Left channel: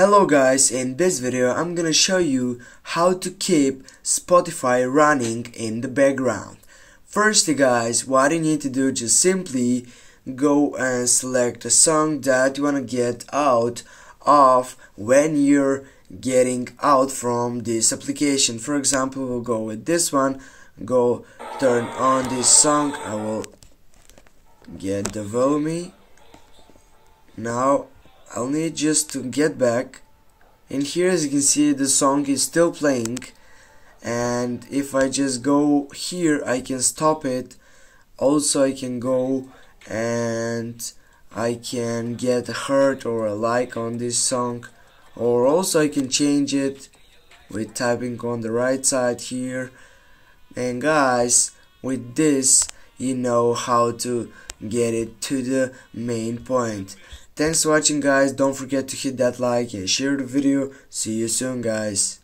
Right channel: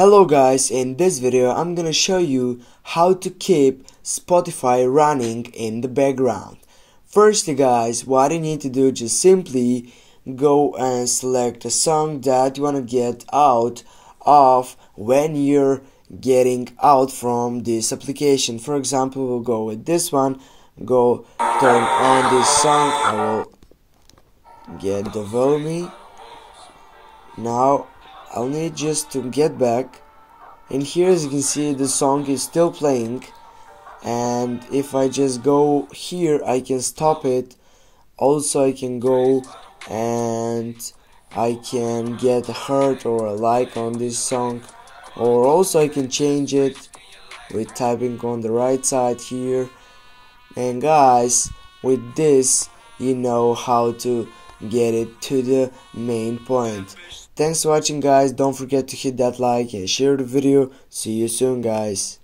Hello guys, in this video I'm gonna show you how to keep Spotify running in the background. Firstly guys, what you need to do, just simply go and select a song that you wanna get out of when you're getting out from this application. For example, we'll go with this one, go turn on this song, I will get the volume. Now I'll need just to get back, and here as you can see the song is still playing, and if I just go here I can stop it. Also I can go and I can get a heart or a like on this song, or also I can change it with typing on the right side here. And guys, with this you know how to get it to the main point. Thanks for watching guys, don't forget to hit that like and share the video. See you soon guys.